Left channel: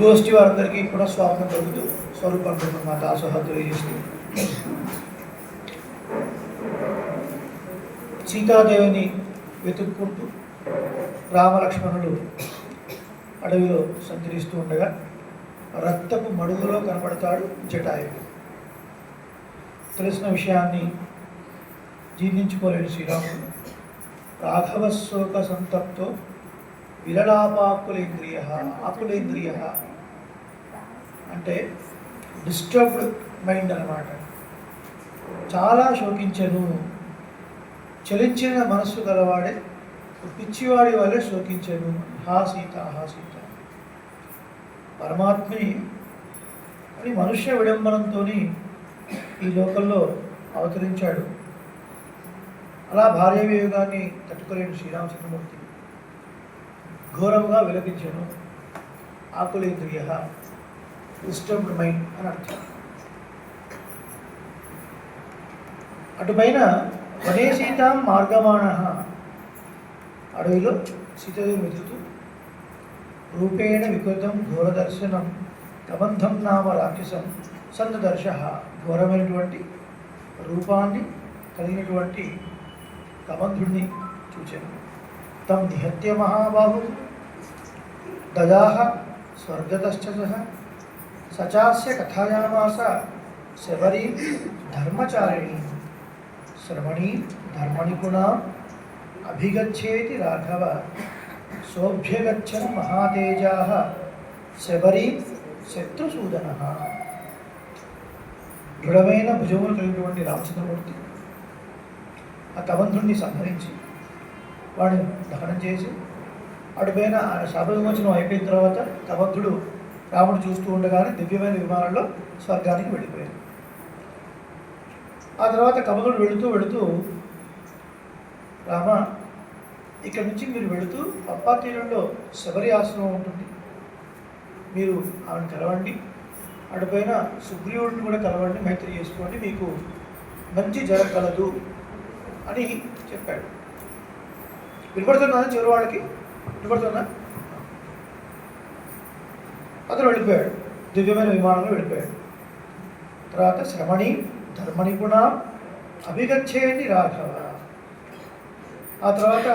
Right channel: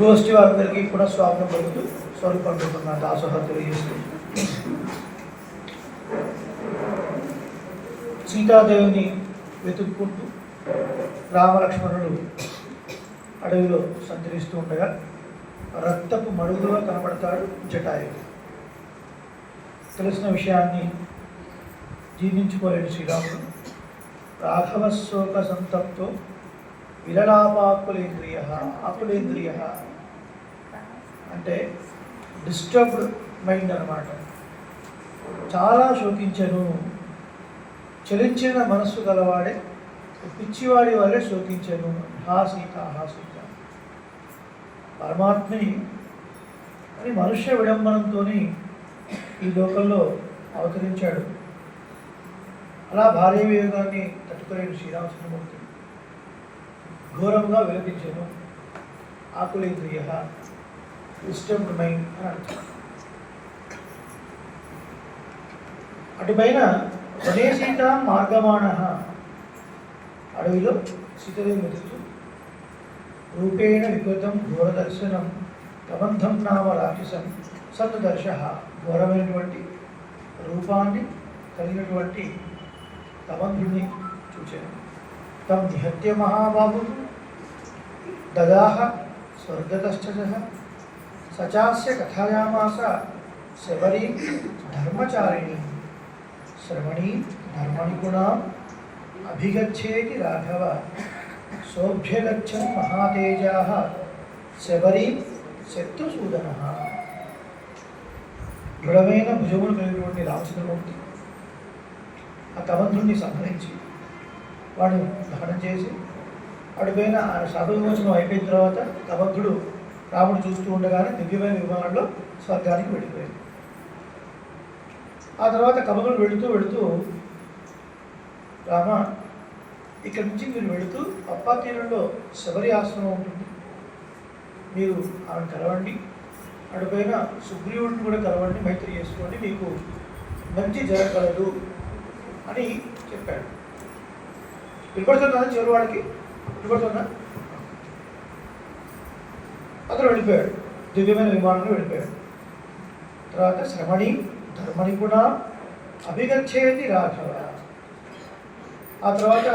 గోష్ఠి వారందరికీ కూడా స్వాగతం పలుకుతూ స్వరూపం నా దాసోహ తెలియజేస్తూ సీతాదేవిని వెతుక్కుంటూ రామలక్ష్మణులు అడవిలో సంచరిస్తూ ఉండగా రక్తపు మడుగులో కనబడతాడు జటాయుడు. తెలిసిన విషయాన్ని జీర్ణించుకోలేని శ్రీరాముడు రాఘవ శోక సంతప్తో విలలాపాకులేంద్రియ ఆకులేంద్రియ అంటే డిస్టర్బ్డ్ మైండ్ అన్నమాట. చాలా శోకించను, చలించిన మనస్సు గలవాడే పిచ్చివాడి వల్లే శోకించను. హా సీత హా సీత. పరమాత్మే అని మనుష్య విడంబనంతో ఈ లోకంలో అవతరించాడు. అలా భార్య వియోగాన్ని తట్టుకోలేని శ్రీరామచంద్రమూర్తి ఘోరంగా విలపించాను. ఆకులేంద్రియ డిస్టర్బ్డ్ మైండ్ అని అర్థం. అటుపైన వనే సీత మార్గమాణ అడవిలో సీతదేవి వెతుకుతూ రూపేణ వికృతం ఘోరదర్శనం కబంధం నామ రాక్షసం సందర్శ. ఘోరమైనటువంటి రూపాన్ని కలిగినటువంటి కబంధుడిని చూచాను. తం నిహత్య మహాబాహు దదాహ స్వర్గతశ్చ సచాస్య కథయామాస శబరీ ధర్మచారిణి శ్రవణీ ధర్మనిపుణా అభిగచ్చేతి రాఘవ సోభ్యగచ్చన్ మహాతేజా శబరీ శత్రుసూదన. దృఢమైన భుజములు కలిగినటువంటి రామచంద్రమూర్తి ఆ కబంధుడిని సంహరించి వాడిని దహనం చేసి అటుపైన శాపవిమోచనం అయిపోయిన తర్వాత కబంధుడు రాముడు చూస్తూ ఉండగానే దివ్యమైన విమానంలో స్వర్గానికి వెళ్ళిపోయాడు. ఆ తర్వాత కబంధుడు వెళుతూ వెళుతూ రామ ఇక్కడి నుంచి మీరు వెళుతూ పప్పా తీరంలో శబరి ఆశ్రమం ఉంటుంది, మీరు ఆవిడ కలవండి, అటుపైన సుగ్రీవుడిని కూడా కలవండి, మైత్రి చేసుకోండి, మీకు మంచి జరగగలదు అని చెప్పాడు. వినపడుతున్నా చివరి వాళ్ళకి? వినపడుతున్నా? అతను వెళ్ళిపోయాడు, దివ్యమైన విమానంలో వెళ్ళిపోయాడు. తర్వాత శ్రమణి ధర్మని కూడా అభిగచ్చేది రాఘవ. ఆ తర్వాత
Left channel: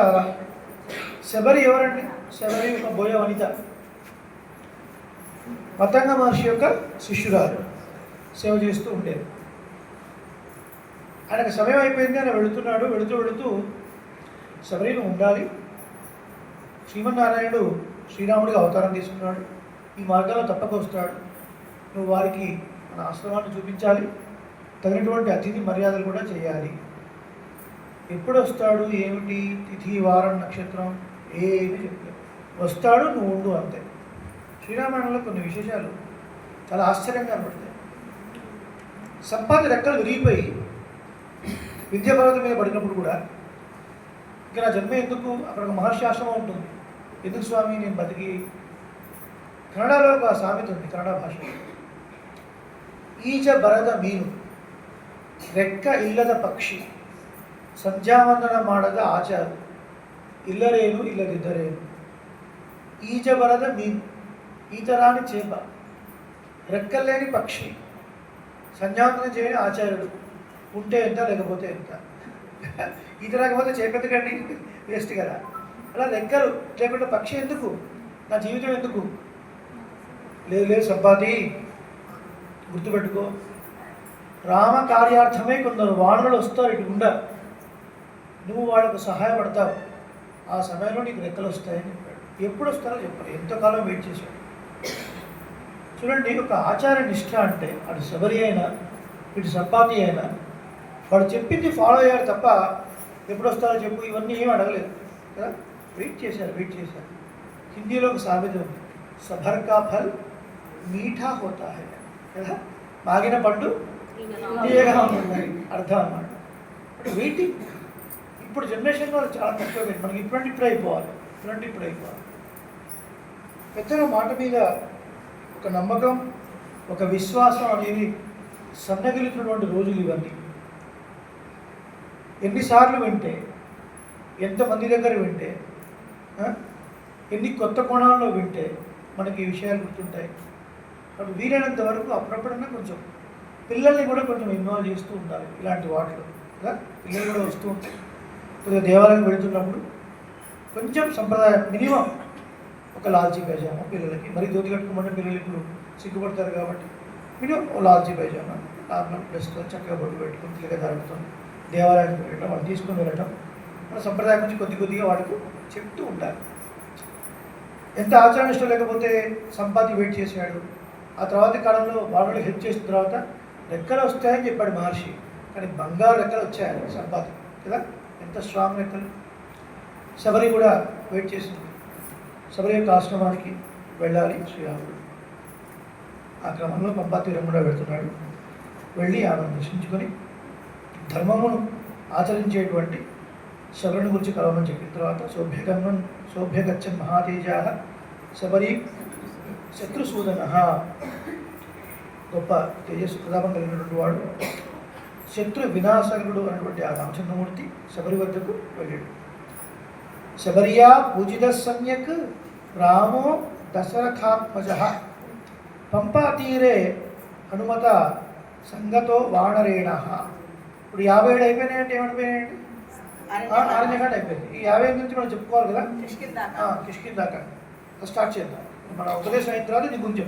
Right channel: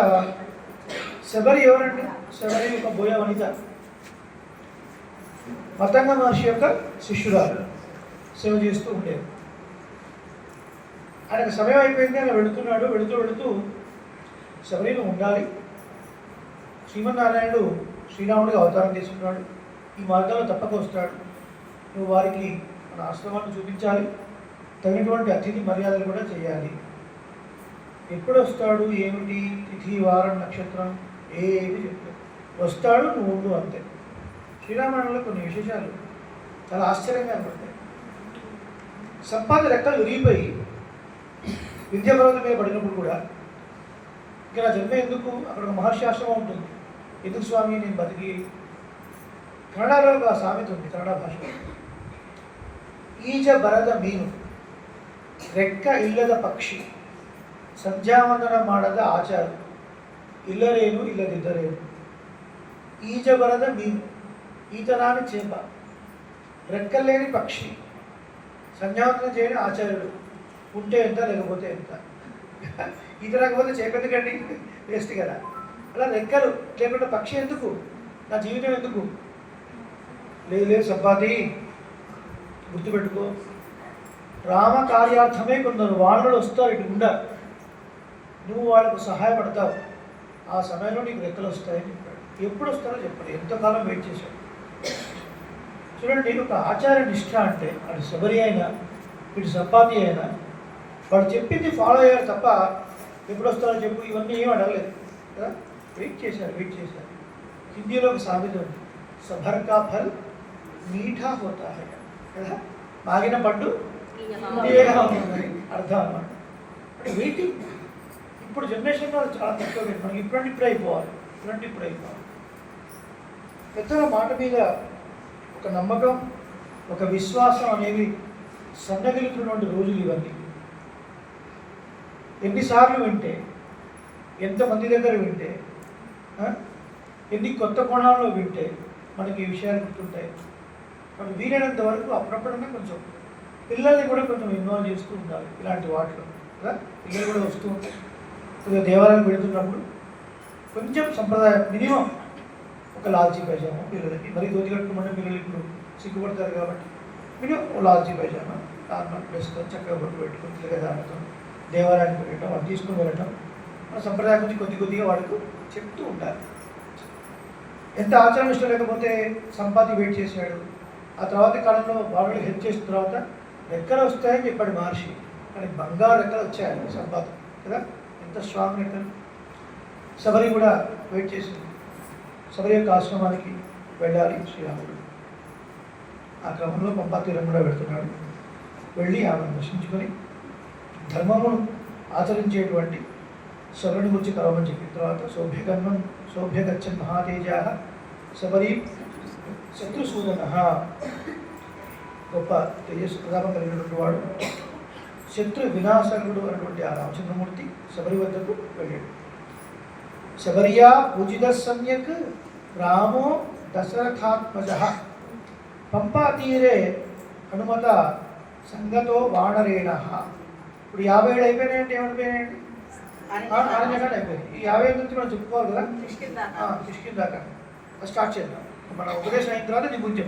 శబరి ఎవరండి? శబరి ఒక బోయ వనిత, మతంగ మహర్షి యొక్క శిష్యురాలు, సేవ చేస్తూ ఉండేది. ఆయనకు సమయం అయిపోయింది, ఆయన వెళుతున్నాడు. వెళుతూ వెళుతూ శబరిని ఉండాలి, శ్రీమన్నారాయణుడు శ్రీరాముడిగా అవతారం తీసుకున్నాడు, ఈ మార్గంలో తప్పక వస్తాడు, నువ్వు వారికి మన ఆశ్రమాన్ని చూపించాలి, తగినటువంటి అతిథి మర్యాదలు కూడా చేయాలి. ఎప్పుడు వస్తాడు, ఏమిటి, తిథి, వారం, నక్షత్రం ఏమి చెప్తాడు. వస్తాడు, నువ్వు ఉండు, అంతే. శ్రీరామాయణంలో కొన్ని విశేషాలు చాలా ఆశ్చర్యంగా పడతాయి. సంపాతి రెక్కలు విరిగిపోయి విద్యాపర్వతం మీద పడినప్పుడు కూడా ఇక నా జన్మ ఎందుకు, అక్కడ ఒక మహర్షి ఆశ్రమం ఉంటుంది, ఎందుకు స్వామి నేను బతికి. కన్నడలో ఒక సామెత ఉంది, కన్నడ భాషలో, ఈజ బರದ ಮೀನು రెక్క ఇల్లದ పక్షి ಸಂಧ್ಯಾವಂದನ ಮಾಡದ ಆಚಾರ ఇల్లరేను ఇల్లదిద్దరేను. ఈజ బರದ మీను ఈత రాని చేప, రెక్కలేని పక్షి, సంధ్యావందనం చేయని ఆచార్యుడు, ఉంటే ఎంత లేకపోతే ఎంత. ఈత రాకపోతే చేప ఎందుకండి, వేస్ట్ కదా. అలా రెక్కలు లేకుండా పక్షి ఎందుకు, నా జీవితం ఎందుకు? లేదు సంపాతి, గుర్తుపెట్టుకో, రామ కార్యార్థమే కొందరు వాళ్ళు వస్తారు, ఇటు ఉండరు, నువ్వు వాళ్ళకు సహాయపడతావు, ఆ సమయంలో నీకు రెక్కలు వస్తాయని చెప్పాడు. ఎప్పుడు వస్తారో చెప్పాడు, ఎంతకాలం వెయిట్ చేశాడు. చూడండి, ఒక ఆచార నిష్ఠ అంటే అటు శబరి అయినా ఇటు సంపాతి అయినా వాడు చెప్పింది ఫాలో అయ్యారు తప్ప ఎప్పుడు వస్తారో చెప్పు ఇవన్నీ ఏం అడగలేదు కదా. వెయిట్ చేశారు. హిందీలో ఒక సామెత ఉంది, సభర్ కా ఫల్ మీఠా హోతా హై కదా, మాగిన పండు తీయగా ఉంటుంది అర్థం అన్నమాట. అంటే వెయిటింగ్. ఇప్పుడు జనరేషన్లో చాలా తక్కువ, మనకి ఇప్పుడు అయిపోవాలి. పెద్దగా మాట మీద ఒక నమ్మకం, ఒక విశ్వాసం అనేది సన్నగిలుతున్నటువంటి రోజులు ఇవన్నీ. ఎన్నిసార్లు వింటే, ఎంతమంది దగ్గర వింటే, ఎన్ని కొత్త కోణాల్లో వింటే మనకి ఈ విషయాలు గుర్తుంటాయి. కాబట్టి వీలైనంత వరకు అప్పుడప్పుడన్నా కొంచెం పిల్లల్ని కూడా కొంచెం ఇన్వాల్వ్ చేస్తూ ఉండాలి ఇలాంటి వాటిలో కదా. పిల్లలు కూడా వస్తూ ఉంటాయి. కొద్దిగా దేవాలయం వెళుతున్నప్పుడు కొంచెం సంప్రదాయం మినిమం ఒక లాల్చీ పైజామా పిల్లలకి, మరి ధోతి కట్టుకోమని పిల్లలు ఇప్పుడు సిగ్గుపడతారు కాబట్టి మినిమం ఓ లాల్చీ పైజామా నార్మల్ డ్రెస్తో చక్కగా బొట్టు పెట్టుకుని తిరగ దానితో దేవాలయానికి వెళ్ళటం, వాళ్ళు తీసుకుని వెళ్ళటం, మన సంప్రదాయం గురించి కొద్దిగా వాడికి చెప్తూ ఉండాలి. ఎంత ఆచరణ ఇష్టం లేకపోతే సంపాతి వెయిట్ చేశాడు. ఆ తర్వాత కాలంలో వాళ్ళు హెల్ప్ చేసిన తర్వాత రెక్కలు వస్తాయని చెప్పాడు మహర్షి, కానీ బంగారు రెక్కలు వచ్చాయి సంపాతి కదా. ఎంత స్ట్రాంగ్ రెక్కలు. శబరి కూడా వెయిట్ చేసింది. శబరి యొక్క ఆశ్రమానికి వెళ్ళాలి శ్రీరాముడు. ఆ క్రమంలో పంపా తీరం కూడా వెళ్తున్నాడు. వెళ్ళి ఆమెను దర్శించుకొని ధర్మమును ఆచరించేటువంటి శబరిని గురించి కలవమని చెప్పిన తర్వాత సౌభ్యగచ్చన్ మహాతేజా శబరి శత్రుసూదన, గొప్ప తేజస్సు ప్రతాపం కలిగినటువంటి వాడు, శత్రు వినాశకుడు అన్నటువంటి ఆ రామచంద్రమూర్తి శబరి వద్దకు వెళ్ళాడు. శబర్యా పూజిత సమ్యక్ రామో దశరథాత్మజ పంపా తీరే హనుమత సంగతో వానరేణ. ఇప్పుడు 57 అయిపోయినాయంటే ఏమైపోయినాయండి? 4 జగాలు అయిపోయింది. ఈ 55 నుంచి మనం చెప్పుకోవాలి కదా. కిష్కిందాక స్టార్ట్ చేద్దాం. మన ఉపదేశం అయిన తర్వాత నీ గురించి